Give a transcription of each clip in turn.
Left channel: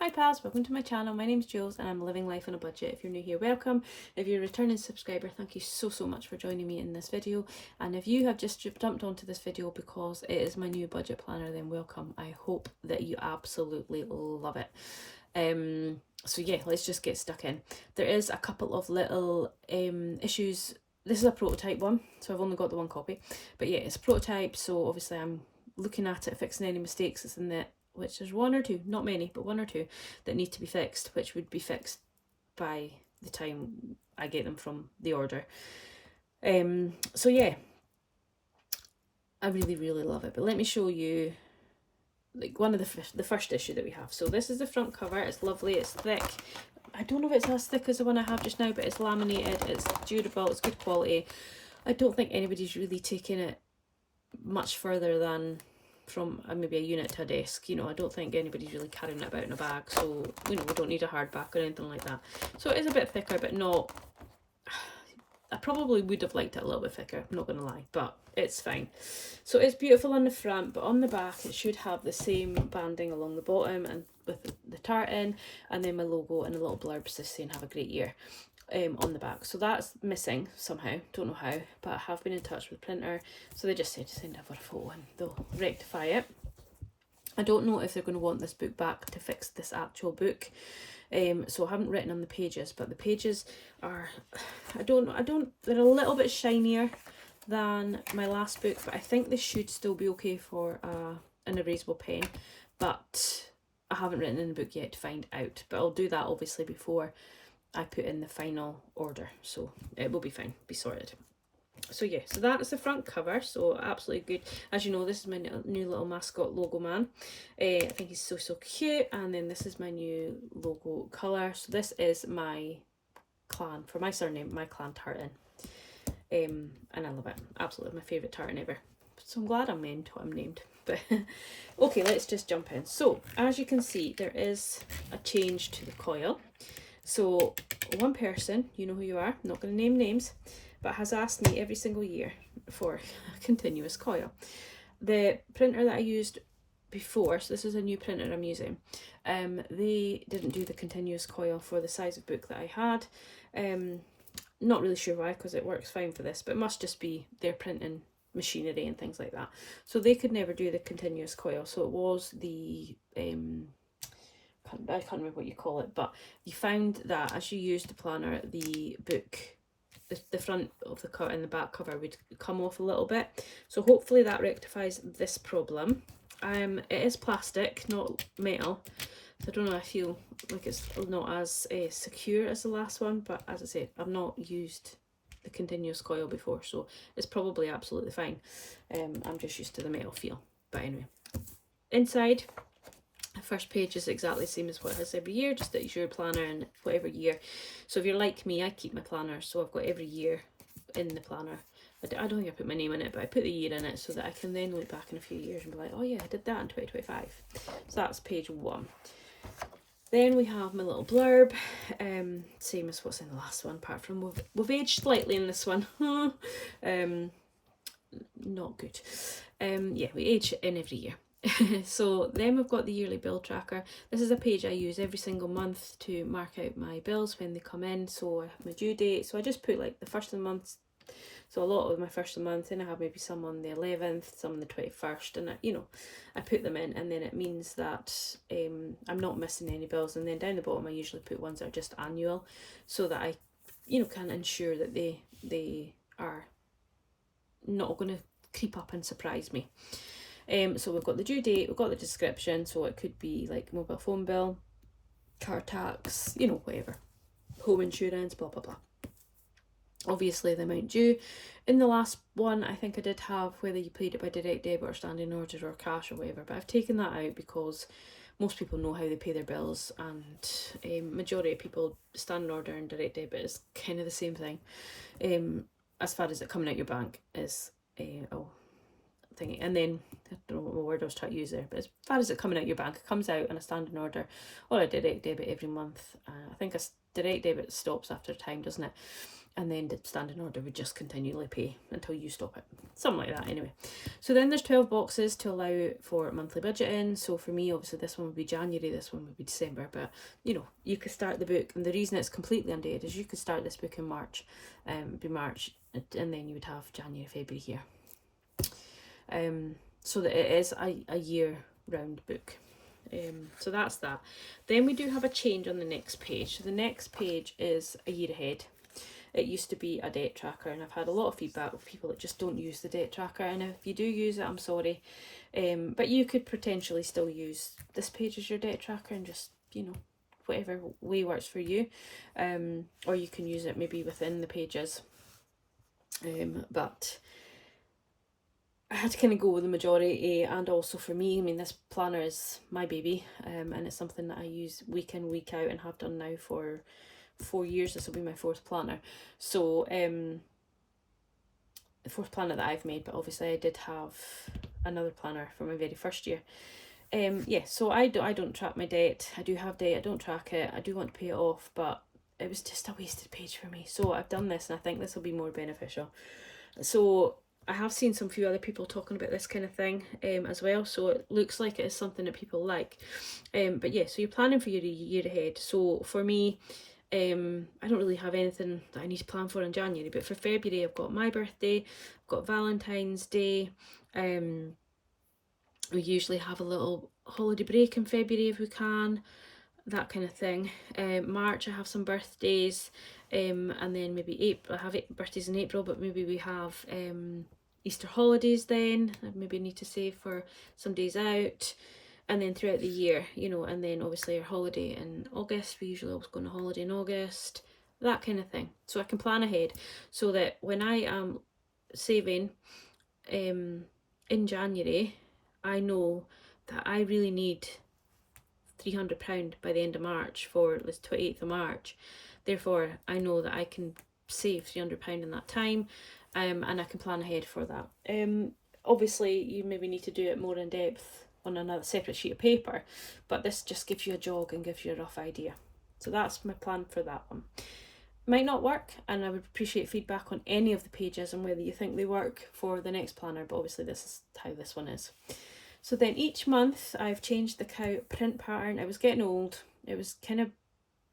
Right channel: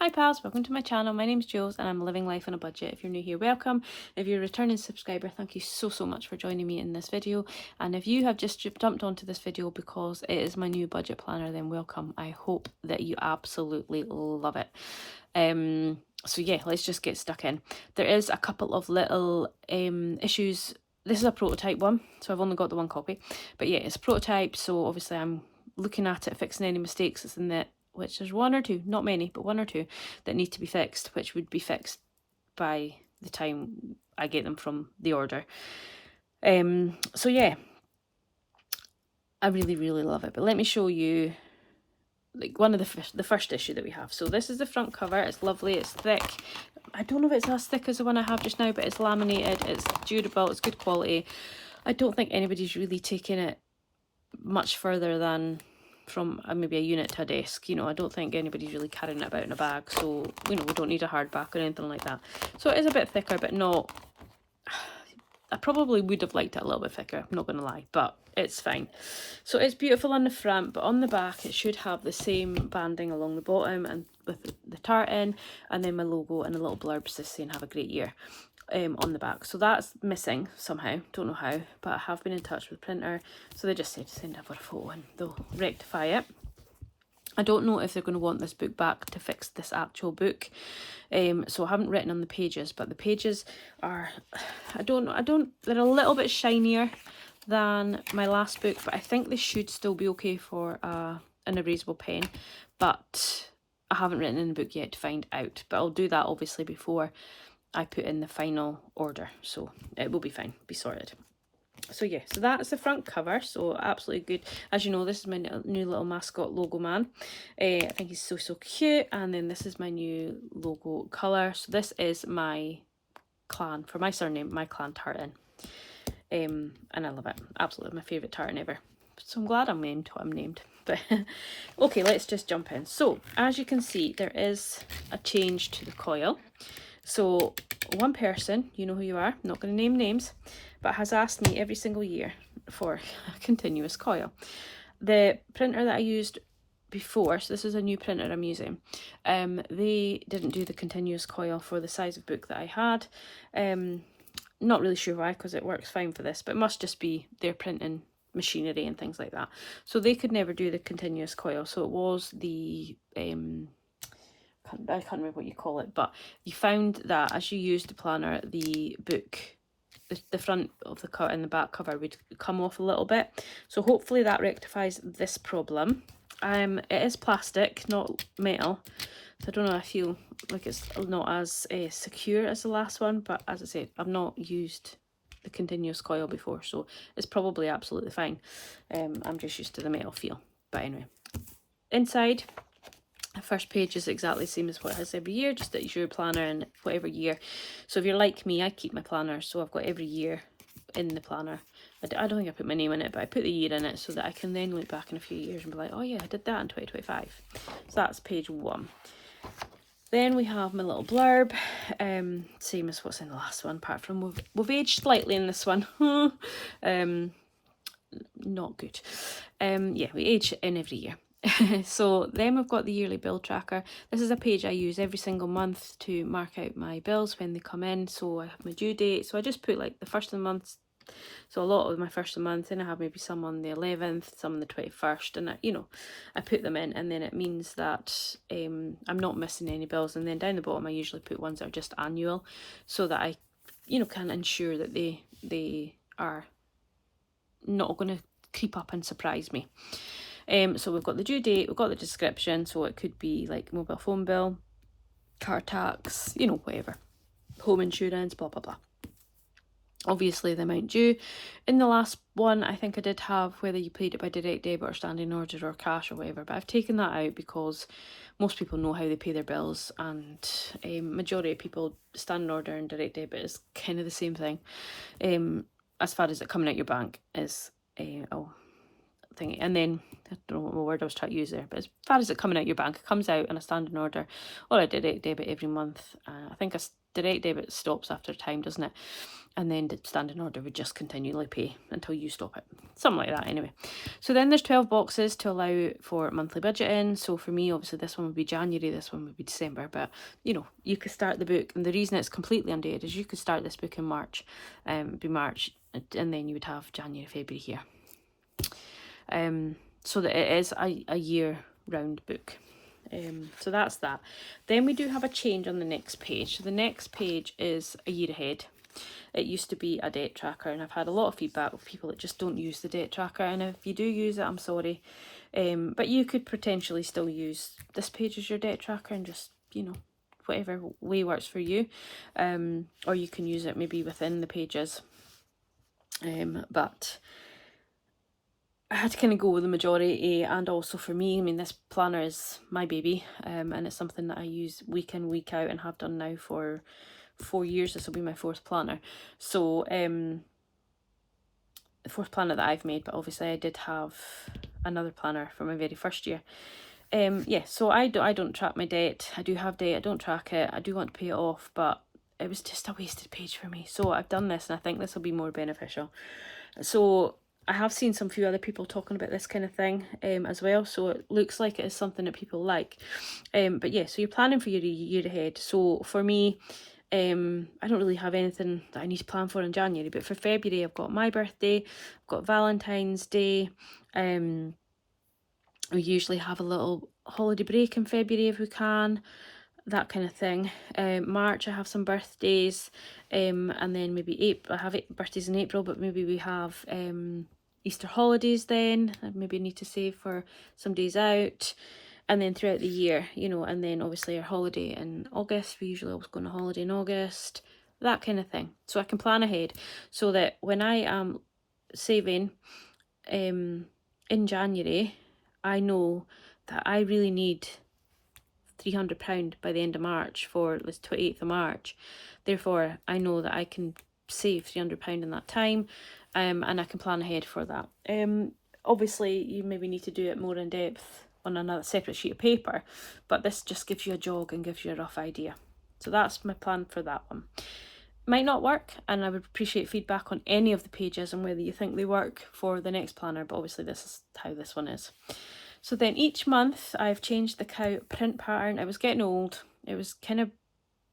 Hi pals, welcome to my channel. My name's Jules and I'm living life on a budget. If you're new here, welcome. If you're a returning subscriber, thank you so much for joining me in this video. And if you have just jumped onto this video because it is my new budget planner, then welcome. I hope that you absolutely love it. So yeah, let's just get stuck in. There is a couple of little issues. This is a prototype one, so I've only got the one copy. But yeah, it's a prototype, so obviously I'm looking at it, fixing any mistakes that's in it, which there's one or two, not many, but one or two that need to be fixed, which would be fixed by the time I get them from the order. So yeah, I really love it. But let me show you like one of the first issue that we have. So this is the front cover. It's lovely, it's thick. I don't know if it's as thick as the one I have just now, but it's laminated, it's durable, it's good quality. I don't think anybody's really taken it much further than from maybe a unit to a desk. You know, I don't think anybody's really carrying it about in a bag, so you know, we don't need a hardback or anything like that. So it is a bit thicker, but not, I probably would have liked it a little bit thicker, I'm not gonna lie, but it's fine. So it's beautiful on the front, but on the back it should have the same banding along the bottom and with the tartan, and then my logo and a little blurb just saying have a great year on the back. So that's missing somehow, don't know how, but I have been in touch with the printer, so they just said to send over a photo and they'll rectify it. I don't know if they're going to want this book back to fix this actual book, so I haven't written on the pages, but the pages are, they're a little bit shinier than my last book, but I think they should still be okay for an erasable pen, but I haven't written in the book yet to find out, but I'll do that obviously before I put in the final order, so it will be fine, be sorted. So yeah, so that is the front cover, so absolutely good. As you know, this is my new little mascot logo man. I think he's so cute. And then this is my new logo colour. So this is my clan, for my surname, my clan tartan. And I love it, absolutely my favourite tartan ever. So I'm glad I'm named what I'm named. But okay, let's just jump in. So as you can see, there is a change to the coil. So one person, you know who you are, I'm not going to name names, but has asked me every single year for a continuous coil. The printer that I used before, so this is a new printer I'm using, they didn't do the continuous coil for the size of book that I had. Not really sure why, because it works fine for this, but it must just be their printing machinery and things like that. So they could never do the continuous coil, so it was the I can't remember what you call it, but you found that as you used the planner, the book, the front of the cut and the back cover would come off a little bit. So hopefully that rectifies this problem. It is plastic, not metal. So I don't know, I feel like it's not as secure as the last one, but as I said, I've not used the continuous coil before, so it's probably absolutely fine. I'm just used to the metal feel. But anyway, inside, the first page is exactly the same as what it has every year, just that it's your planner and whatever year. So if you're like me, I keep my planner, so I've got every year in the planner. I don't think I put my name in it, but I put the year in it so that I can then look back in a few years and be like, oh yeah, I did that in 2025. So that's page 1. Then we have my little blurb, same as what's in the last one, apart from we've aged slightly in this one. Not good. Yeah, we age in every year. So then we've got the yearly bill tracker. This is a page I use every single month to mark out my bills when they come in. So I have my due date, so I just put like the first of the month, so a lot of my first of the month, and I have maybe some on the 11th, some on the 21st, and I put them in, and then it means that I'm not missing any bills. And then down the bottom I usually put ones that are just annual, so that I can ensure that they are not going to creep up and surprise me. So we've got the due date, we've got the description, so it could be like mobile phone bill, car tax, whatever, home insurance, blah blah blah. Obviously the amount due. In the last one, I think I did have whether you paid it by direct debit or standing order or cash or whatever, but I've taken that out because most people know how they pay their bills, and majority of people, standing order and direct debit is kind of the same thing. As far as it coming out your bank is thing. And then, I don't know what word I was trying to use there, but as far as it coming out your bank, it comes out on a standing order or a direct debit every month. I think a direct debit stops after time, doesn't it? And then the standing order would just continually pay until you stop it. Something like that anyway. So then there's 12 boxes to allow for monthly budgeting. So for me, obviously this one would be January, this one would be December. But, you know, you could start the book. And the reason it's completely undated is you could start this book in March. It'd be March. And then you would have January, February here. So that it is a year-round book. So that's that. Then we do have a change on the next page. So the next page is a year ahead. It used to be a debt tracker, and I've had a lot of feedback with people that just don't use the debt tracker, and if you do use it, I'm sorry. But you could potentially still use this page as your debt tracker and just, you know, whatever way works for you. Or you can use it maybe within the pages. But I had to kind of go with the majority, and also for me, I mean, this planner is my baby, and it's something that I use week in, week out, and have done now for 4 years. This will be my 4th planner. So the 4th planner that I've made, but obviously I did have another planner for my very first year. Yeah, so I don't track my debt. I do have debt, I don't track it. I do want to pay it off, but it was just a wasted page for me. So I've done this, and I think this will be more beneficial. So I have seen some few other people talking about this kind of thing as well. So it looks like it is something that people like. But yeah, so you're planning for your year ahead. So for me, I don't really have anything that I need to plan for in January, but for February I've got my birthday, I've got Valentine's Day. We usually have a little holiday break in February if we can, that kind of thing. March I have some birthdays, and then maybe April, I have birthdays in April, but maybe we have Easter holidays then. I maybe need to save for some days out. And then throughout the year, you know, and then obviously our holiday in August, we usually always go on a holiday in August, that kind of thing. So I can plan ahead so that when I am saving in January, I know that I really need £300 by the end of March for the 28th of March. Therefore, I know that I can save £300 in that time, and I can plan ahead for that. Obviously, you maybe need to do it more in depth on another separate sheet of paper, but this just gives you a jog and gives you a rough idea. So that's my plan for that one. Might not work, and I would appreciate feedback on any of the pages and whether you think they work for the next planner, but obviously this is how this one is. So then each month I've changed the cow print pattern. It was getting old. It was kind of,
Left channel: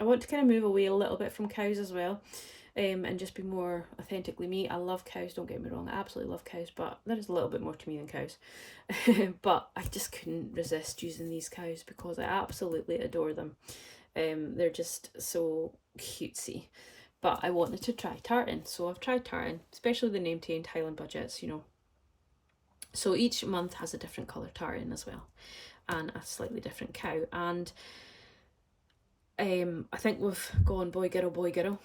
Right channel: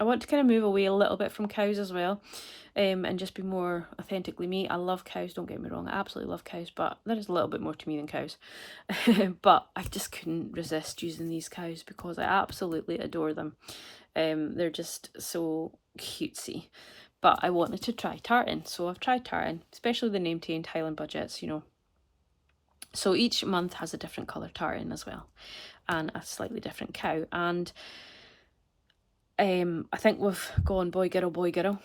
I want to kind of move away a little bit from cows as well, and just be more authentically me. I love cows, don't get me wrong, I absolutely love cows, but there is a little bit more to me than cows. But I just couldn't resist using these cows because I absolutely adore them. They're just so cutesy. But I wanted to try tartan, so I've tried tartan, especially the name-tamed Highland budgets, you know. So each month has a different colour tartan as well, and a slightly different cow. And I think we've gone boy, girl,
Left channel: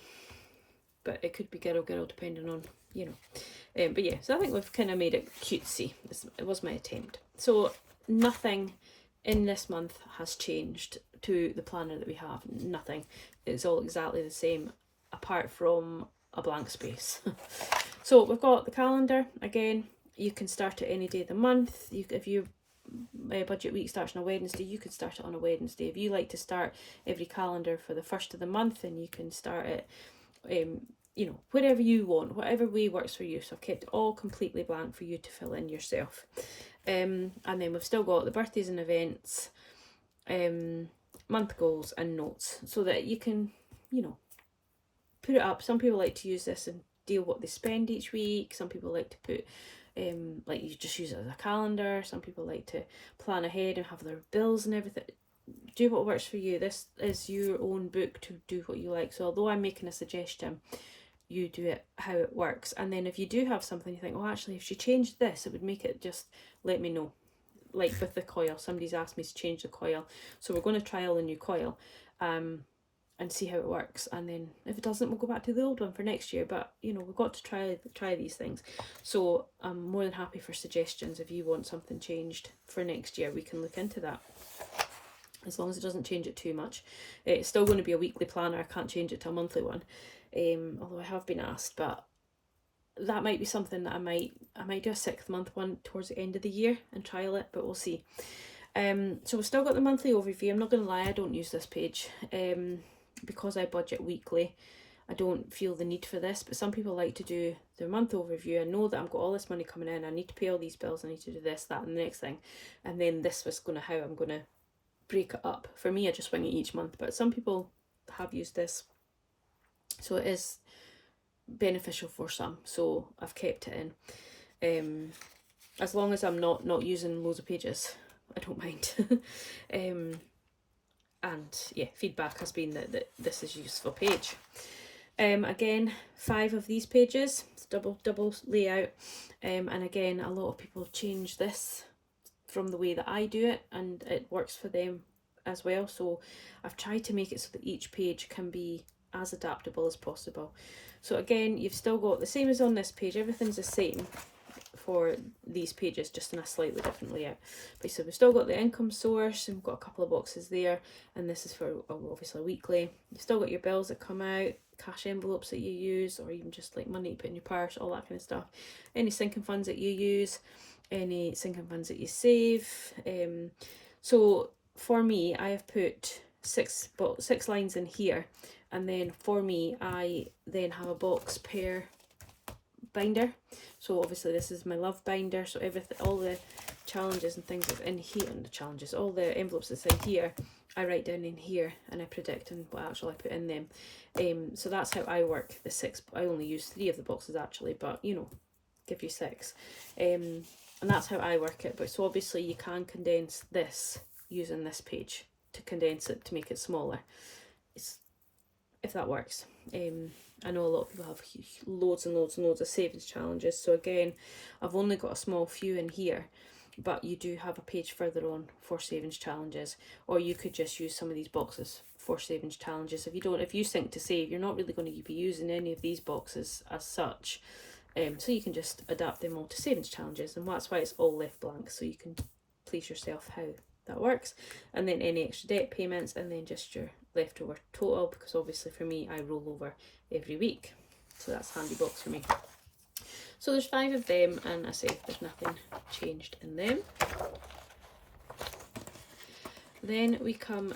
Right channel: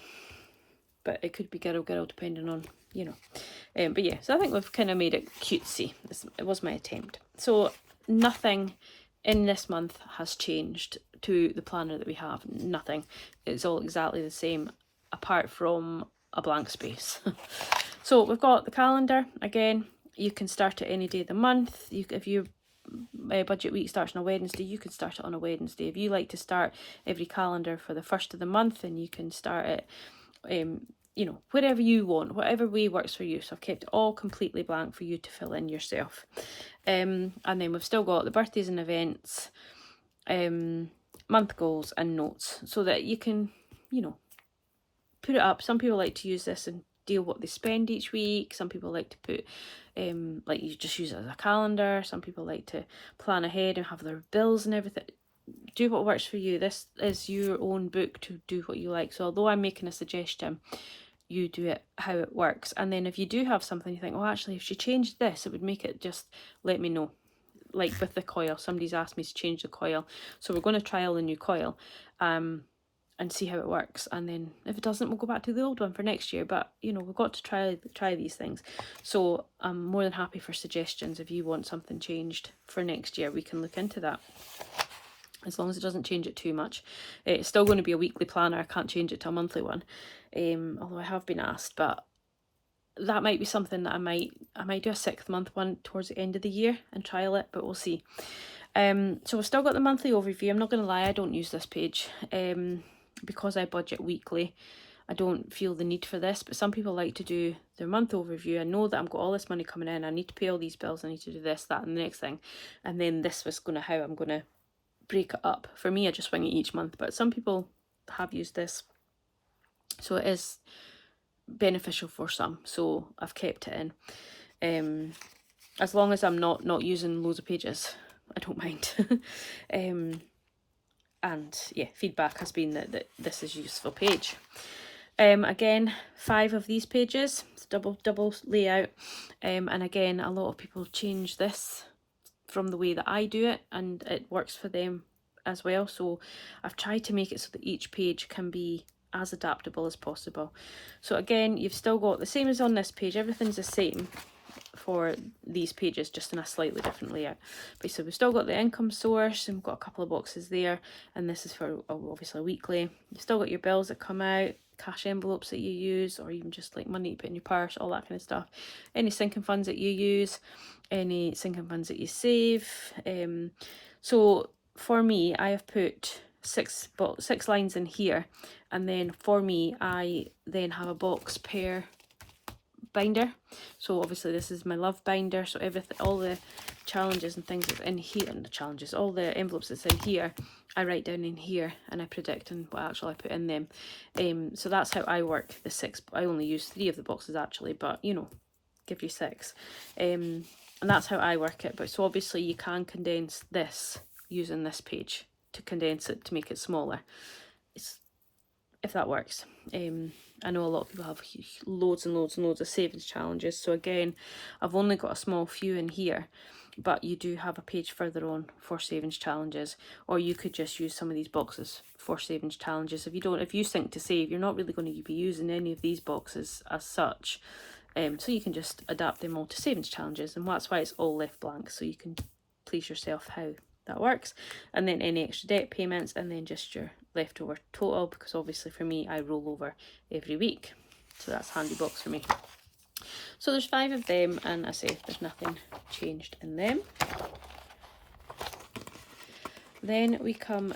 but it could be girl, depending on, you know. But yeah, so I think we've kind of made it cutesy. It was my attempt. So nothing in this month has changed to the planner that we have. Nothing. It's all exactly the same, apart from a blank space. So we've got the calendar. Again, you can start it any day of the month. If your budget week starts on a Wednesday, you can start it on a Wednesday. If you like to start every calendar for the 1st of the month, then you can start it, you know, wherever you want, whatever way works for you. So I've kept it all completely blank for you to fill in yourself. And then we've still got the birthdays and events, month goals and notes, so that you can, you know, put it up. Some people like to use this and deal what they spend each week. Some people like to put like you just use it as a calendar. Some people like to plan ahead and have their bills and everything. Do what works for you. This is your own book to do what you like. So although I'm making a suggestion, you do it how it works. And then if you do have something you think, oh, actually if she changed this, it would make it, just let me know. Like with the coil, somebody's asked me to change the coil, so we're going to trial the new coil and see how it works, and then if it doesn't, we'll go back to the old one for next year. But you know, we've got to try these things. So I'm more than happy for suggestions. If you want something changed for next year, we can look into that, as long as it doesn't change it too much. It's still going to be a weekly planner. I can't change it to a monthly one, although I have been asked, but that might be something that I might do a 6th month one towards the end of the year and trial it, but we'll see. So we've still got the monthly overview. I'm not going to lie, I don't use this page because I budget weekly. I don't feel the need for this, but some people like to do their month overview. I know that I've got all this money coming in, I need to pay all these bills, I need to do this, that and the next thing, and then this was how I'm going to break it up. For me, I just swing it each month, but some people have used this, so it is beneficial for some, so I've kept it in. As long as I'm not using loads of pages, I don't mind. And yeah, feedback has been that this is a useful page. Again, 5 of these pages, it's double layout, and again, a lot of people change this from the way that I do it, and it works for them as well. So I've tried to make it so that each page can be as adaptable as possible. So again, you've still got the same as on this page, everything's the same for these pages, just in a slightly different layout. But so we've still got the income source, and we've got a couple of boxes there, and this is for obviously weekly. You've still got your bills that come out, cash envelopes that you use, or even just like money you put in your purse, all that kind of stuff. Any sinking funds that you use, any sinking funds that you save. So for me, I have put six lines in here, and then for me, I then have a box per binder. So obviously this is my love binder, so everything, all the challenges and things that's in here, and the challenges, all the envelopes that's in here, I write down in here, and I predict and what actually I put in them. So that's how I work the 6. I only use 3 of the boxes actually, but you know, give you 6. And that's how I work it. But so obviously you can condense this using this page to condense it to make it smaller, if that works. I know a lot of people have loads and loads and loads of savings challenges, so again, I've only got a small few in here, but you do have a page further on for savings challenges, or you could just use some of these boxes for savings challenges. If you think to save, you're not really going to be using any of these boxes as such, so you can just adapt them all to savings challenges, and that's why it's all left blank, so you can please yourself how that works. And then any extra debt payments, and then just your leftover total, because obviously for me, I roll over every week, so that's a handy box for me. So there's 5 of them, and I say there's nothing changed in them. Then we come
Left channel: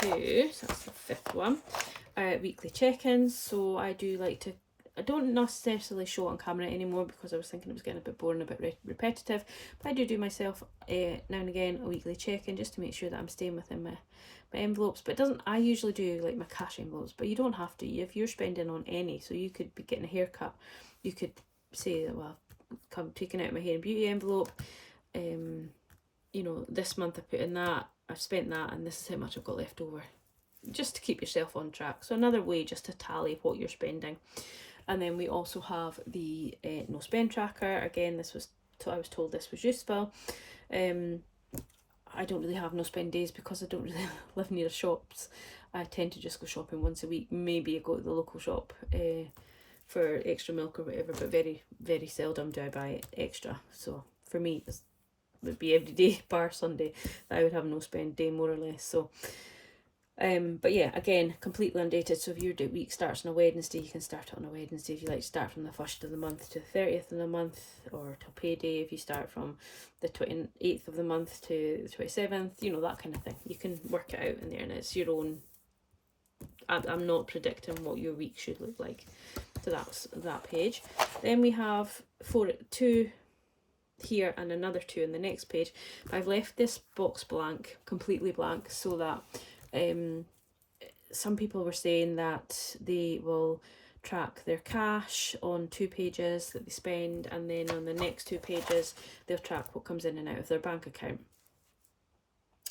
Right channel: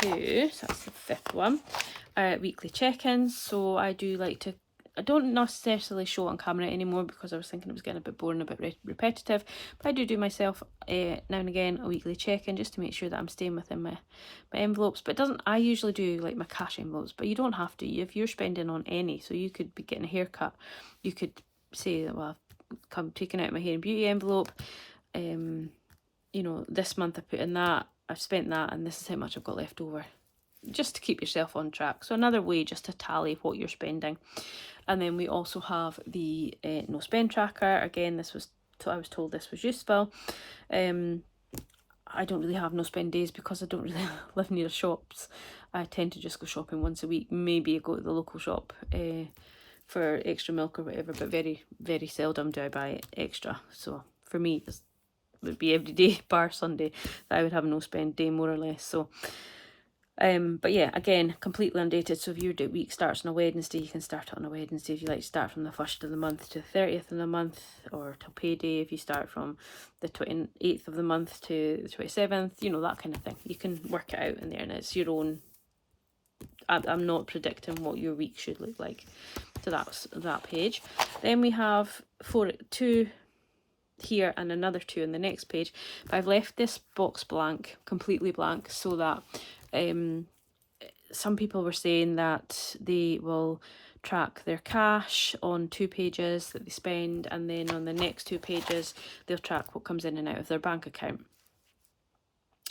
to, so that's the 5th one, weekly check-ins. So I do like to, I don't necessarily show it on camera anymore because I was thinking it was getting a bit boring, a bit repetitive, but I do myself now and again a weekly check-in just to make sure that I'm staying within my envelopes. But it doesn't, I usually do like my cash envelopes, but you don't have to. If you're spending on any, so you could be getting a haircut, you could say, well, I've taking out my hair and beauty envelope, you know, this month I put in that, I've spent that, and this is how much I've got left over, just to keep yourself on track. So another way just to tally what you're spending. And then we also have the no spend tracker. Again, I was told this was useful. I don't really have no spend days because I don't really live near shops. I tend to just go shopping once a week. Maybe I go to the local shop for extra milk or whatever, but very, very seldom do I buy extra. So for me, it would be every day bar Sunday that I would have no spend day, more or less. So but yeah, again, completely undated. So if your week starts on a Wednesday, you can start it on a Wednesday. If you like, start from the 1st of the month to the 30th of the month, or till payday. If you start from the 28th of the month to the 27th, you know, that kind of thing. You can work it out in there, and it's your own. I'm not predicting what your week should look like. So that's that page. Then we have 2 here and another 2 in the next page. But I've left this box blank, completely blank, so that some people were saying that they will track their cash on 2 pages that they spend, and then on the next 2 pages they'll track what comes in and out of their bank account.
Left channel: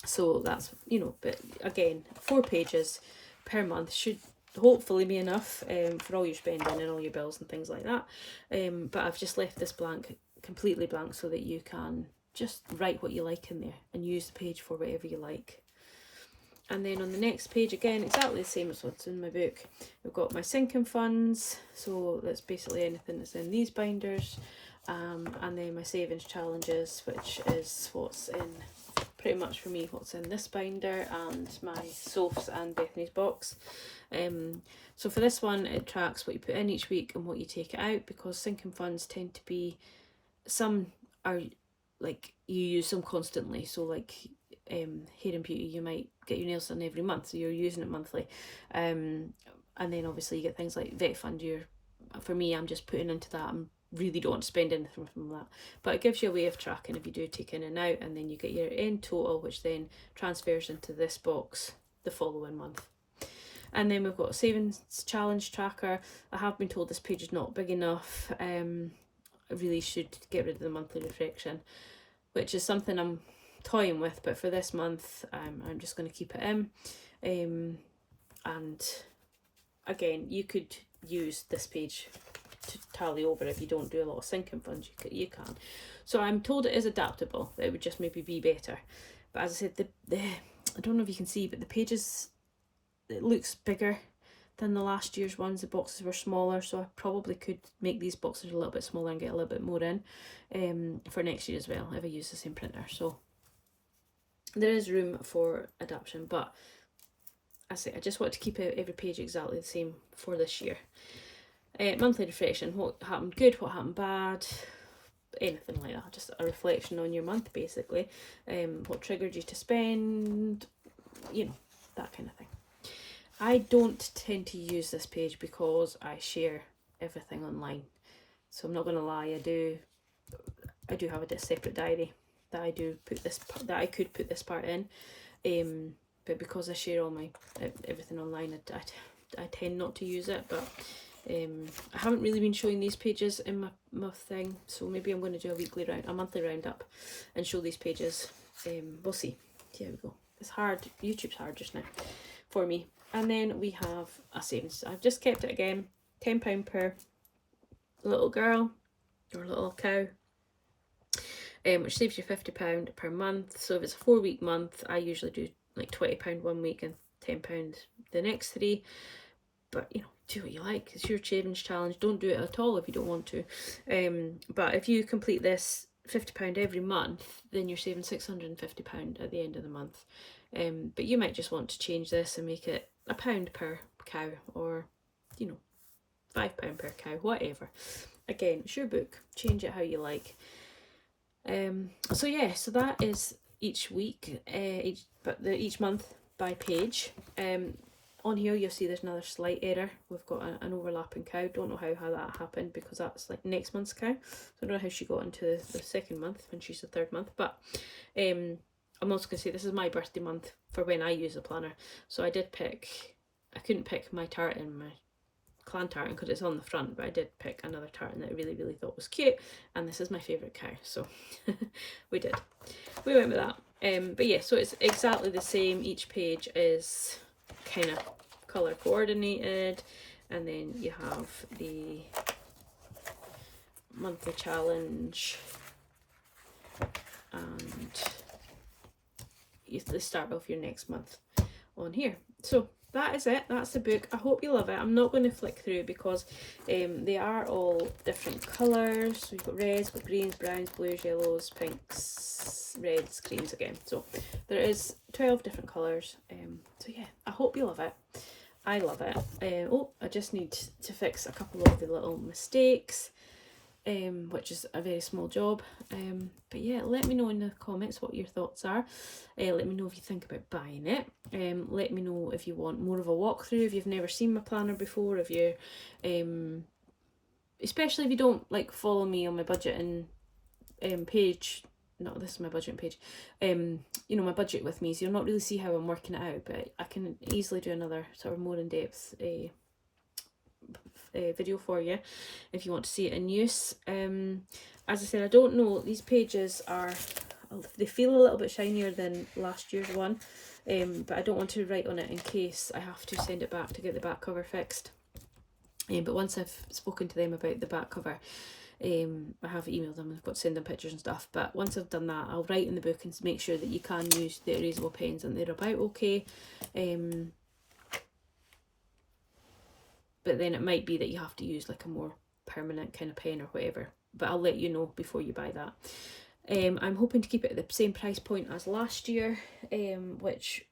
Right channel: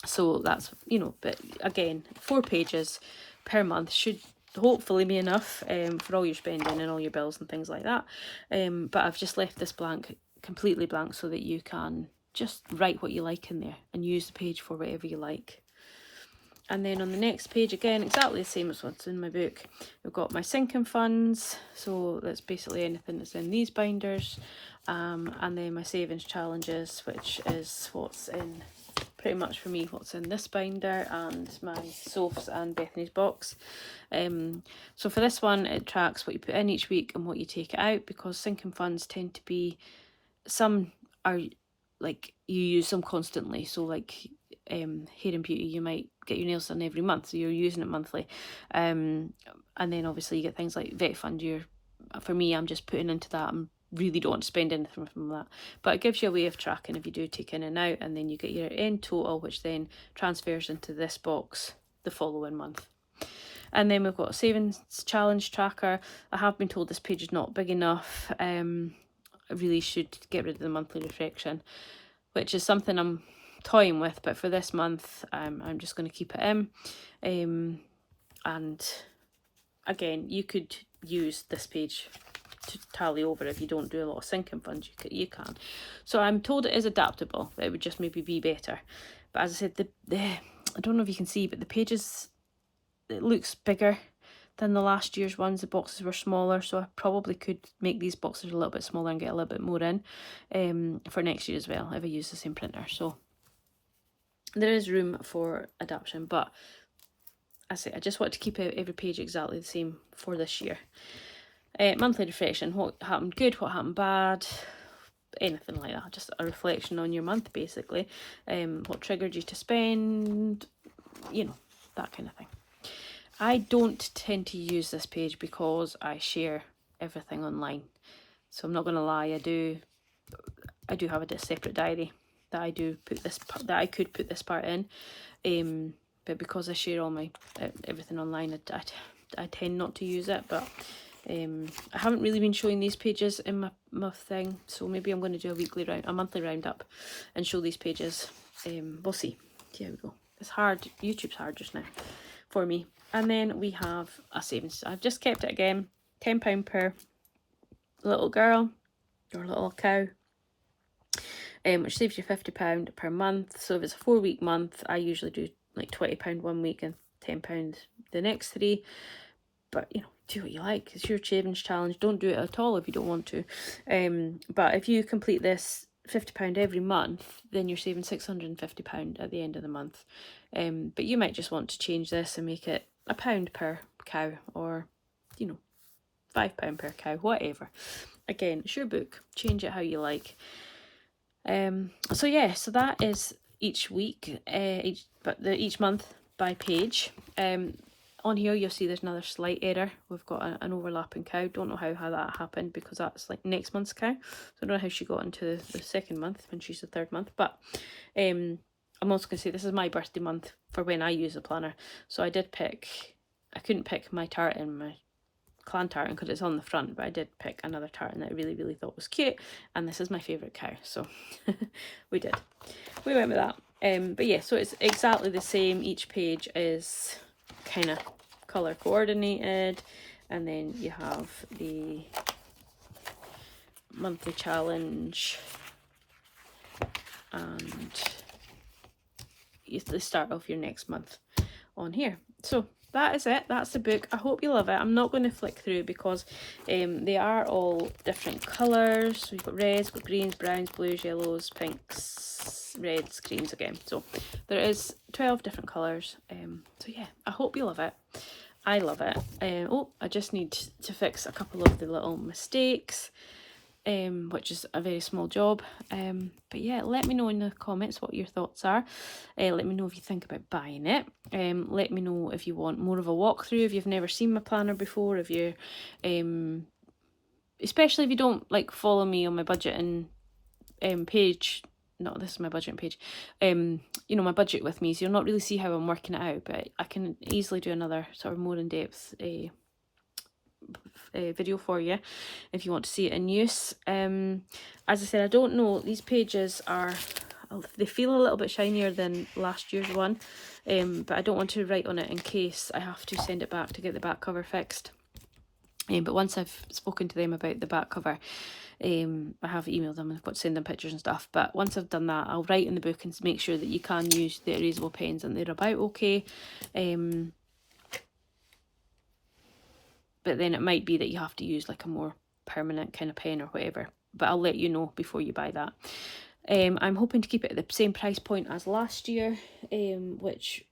So that's, you know, but again, 4 pages per month should hopefully be enough for all your spending and all your bills and things like that. But I've just left this blank, completely blank, so that you can just write what you like in there and use the page for whatever you like. And then on the next page, again, exactly the same as what's in my book, I've got my sinking funds, so that's basically anything that's in these binders, and then my savings challenges, which is what's in pretty much for me what's in this binder and my Soph's and Bethany's box. So for this one, it tracks what you put in each week and what you take out, because sinking funds tend to be, some are like you use them constantly. So like hair and beauty, you might get your nails done every month, so you're using it monthly. And then obviously you get things like vet fund. For me, I'm just putting into that. I'm really don't want to spend anything from that, but it gives you a way of tracking if you do take in and out, and then you get your end total, which then transfers into this box the following month. And then we've got a savings challenge tracker. I have been told this page is not big enough. I really should get rid of the monthly reflection, which is something I'm toying with, but for this month I'm just going to keep it in. And again, you could use this page to tally over if you don't do a lot of sinking funds. You can. So I'm told it is adaptable, but it would just maybe be better. But as I said, I don't know if you can see, but the pages, it looks bigger than the last year's ones. The boxes were smaller, so I probably could make these boxes a little bit smaller and get a little bit more in for next year as well if I use the same printer. So there is room for adaptation, but I say I just want to keep every page exactly the same for this year. Monthly reflection: what happened good, what happened bad, anything like that. Just a reflection on your month, basically. What triggered you to spend, that kind of thing. I don't tend to use this page because I share everything online. So I'm not going to lie, I do have a separate diary that I do put this part, that I could put this part in. But because I share all my everything online, I tend not to use it. But I haven't really been showing these pages in my thing, so maybe I'm going to do a monthly roundup and show these pages. We'll see. Here we go. It's hard. YouTube's hard just now for me. And then we have a savings. I've just kept it again, £10 per little girl or little cow, which saves you £50 per month. So if it's a 4-week month, I usually do like £20 one week and £10 the next 3. But do what you like. It's your savings challenge. Don't do it at all if you don't want to. But if you complete this £50 every month, then you're saving £650 at the end of the month. But you might just want to change this and make it £1 per cow, or £5 per cow, whatever. Again, it's your book. Change it how you like. So yeah, so that is each week, each month by page. On here you'll see there's another slight error. We've got an overlapping cow. Don't know how that happened, because that's like next month's cow. So I don't know how she got into the second month when she's the 3rd month. But I'm also going to say this is my birthday month for when I use the planner. So I couldn't pick my tartan, my clan tartan, because it's on the front, but I did pick another tartan that I really, really thought was cute. And this is my favourite cow. So we went with that. But yeah, so it's exactly the same. Each page is kind of colour coordinated. And then you have the monthly challenge. And you start off your next month on here. So that is it. That's the book. I hope you love it. I'm not going to flick through because they are all different colours. So you've got reds, got greens, browns, blues, yellows, pinks, reds, creams again. So there is 12 different colours. So yeah, I hope you love it. I love it. I just need to fix a couple of the little mistakes, which is a very small job. But yeah, let me know in the comments what your thoughts are. Let me know if you think about buying it. Let me know if you want more of a walkthrough, if you've never seen my planner before, if you're especially if you don't like follow me on my budgeting page. No, this is my budgeting page. My budget with me, so you'll not really see how I'm working it out, but I can easily do another sort of more in-depth video for you if you want to see it in use. As I said, I don't know, these pages they feel a little bit shinier than last year's one, but I don't want to write on it in case I have to send it back to get the back cover fixed. But once I've spoken to them about the back cover, I have emailed them and I've got to send them pictures and stuff. But once I've done that, I'll write in the book and make sure that you can use the erasable pens and they're about okay. But then it might be that you have to use like a more permanent kind of pen or whatever. But I'll let you know before you buy that. I'm hoping to keep it at the same price point as last year, which,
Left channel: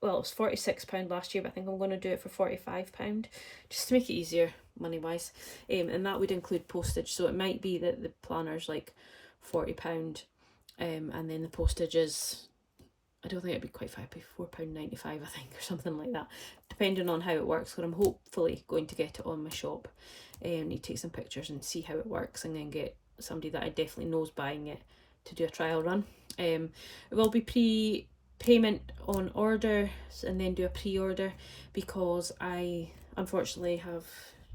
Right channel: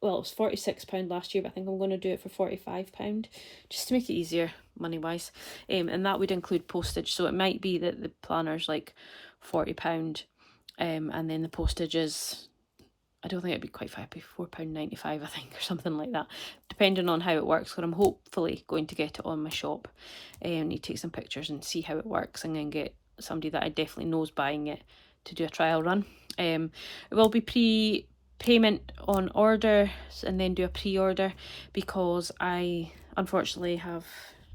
well, it was £46 last year, but I think I'm going to do it for £45, just to make it easier money wise. And that would include postage, so it might be that the planner's like £40, and then the postage is, I don't think it'd be quite fair, it'd be £4.95 I think, or something like that, depending on how it works, because I'm hopefully going to get it on my shop. Need to take some pictures and see how it works, and then get somebody that I definitely knows buying it to do a trial run. It will be pre-payment on order, and then do a pre-order, because I unfortunately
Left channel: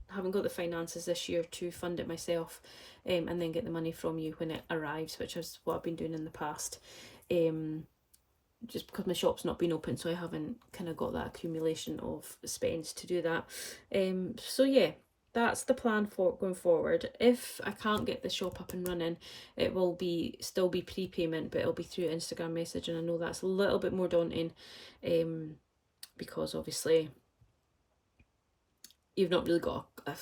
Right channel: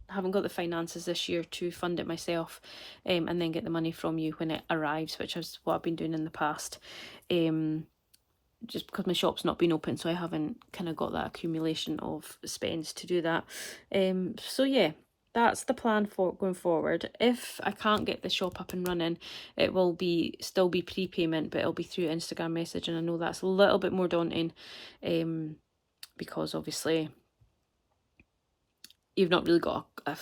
haven't got the finances this year to fund it myself, and then get the money from you when it arrives, which is what I've been doing in the past. Just because my shop's not been open, so I haven't kind of got that accumulation of spends to do that. So yeah, that's the plan for going forward. If I can't get the shop up and running, it will still be prepayment, but it'll be through Instagram message, and I know that's a little bit more daunting, because obviously you've not really got a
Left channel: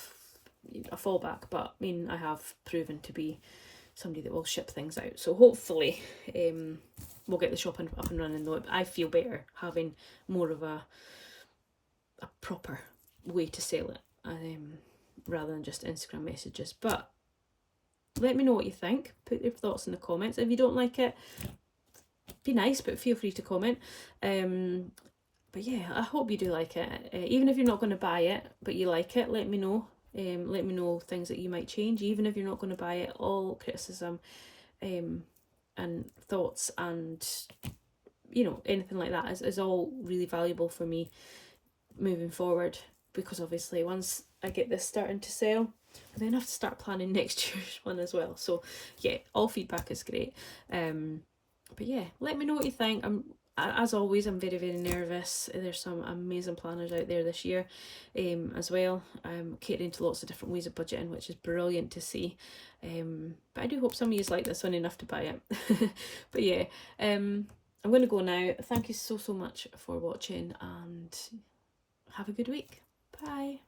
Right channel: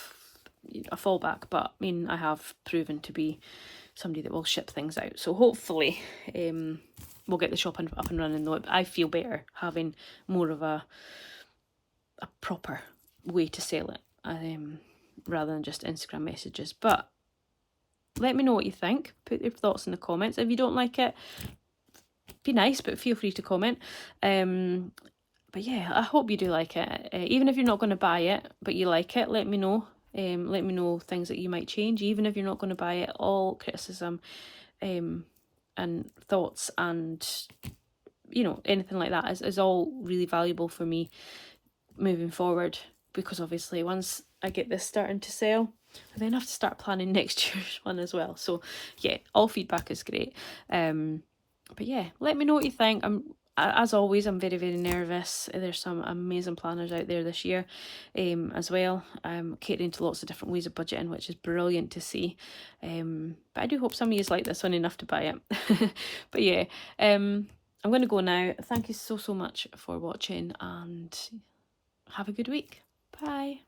fallback, but I mean, I have proven to be somebody that will ship things out, so hopefully we'll get the shop up and running, though I feel better having more of a proper way to sell it, rather than just Instagram messages. But let me know what you think. Put your thoughts in the comments. If you don't like it, be nice, but feel free to comment. But yeah, I hope you do like it. Even if you're not going to buy it, but you like it, let me know. Let me know things that you might change. Even if you're not going to buy it, all criticism and thoughts and, you know, anything like that is all really valuable for me moving forward, because obviously once I get this starting to sell, I then have to start planning next year's one as well. So yeah, all feedback is great. But yeah, let me know what you think. As always, I'm very, very nervous. There's some amazing planners out there this year, as well. I'm catering to lots of different ways of budgeting, which is brilliant to see. But I do hope some of you like this one enough to buy it. But yeah, I'm going to go now. Thank you so much for watching, and have a good week. Bye.